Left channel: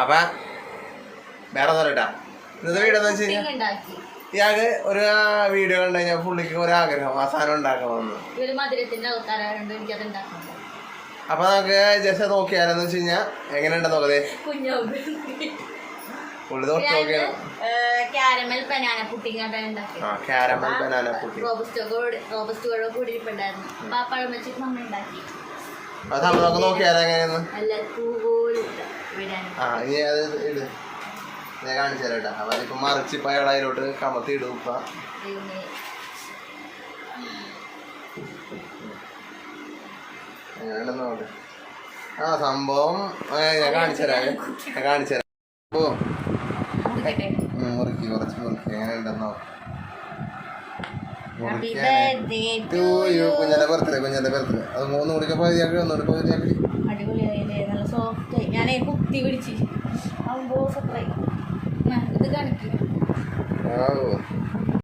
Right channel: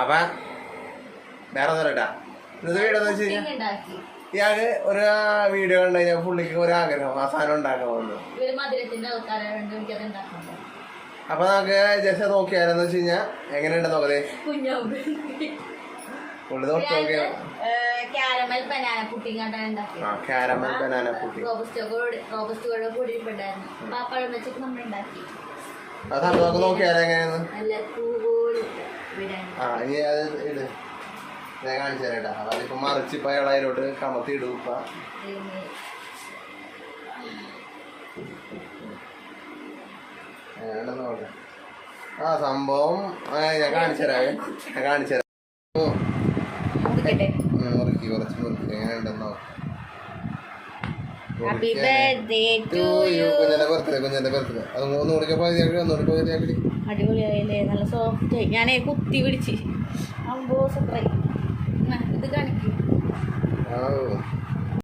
അപ്പൊ വേറെ പറയട്ടാ ഇന്നത്തെ വീഡിയോ എന്ന് വെച്ച് കഴിഞ്ഞാൽ ഇയാൾക്ക് ഒരു വീഡിയോ കണ്ടു കഴിഞ്ഞാൽ പുള്ളിക്ക് ഒരാഗ്രഹം ആ സാധനം ഉണ്ടാക്കണമെന്ന്. അപ്പൊ നമുക്ക് ജസ്റ്റ് നോക്കിയാലെന്ന് വെച്ച് കഴിഞ്ഞാൽ എങ്ങനെയുണ്ടെന്ന് നോക്കതേ പുള്ളി തൊട്ട് നോക്കിയാ caramel banana pudding caramel banana pudding അത് നമുക്ക് നോക്കിയാലോ എങ്ങനെയാന്ന്. ഇനി അത് ഇട് ഞാൻ കാണിച്ചു തരാട്ടാ. അവരിപ്പോ മറിച്ചിപ്പ അയാൾ അതിലോട്ട് കമത്തി ഇടും. ഇപ്പ എങ്ങനെയുണ്ടെന്ന് നോക്ക്. സംഭവം ഞാൻ കാണിച്ചു തരാം. ഓ മുറുക്കി കുറച്ച് മുറുക്കി എങ്ങനെയുണ്ടെന്ന് നോക്കാം. കുഞ്ഞിന്റെ ബർത്ത്ഡേ അത് 3 കുടിക്കാൻ പകുതിയാക്കി 1 കുടിക്കാൻ പകുതിയാക്കി. അടിപൊളിയായില്ലേ, നല്ല സോഫ്റ്റ് ആയി. ഞാനേ കുത്തി പിടിച്ച് ഇത് കാണിക്കും.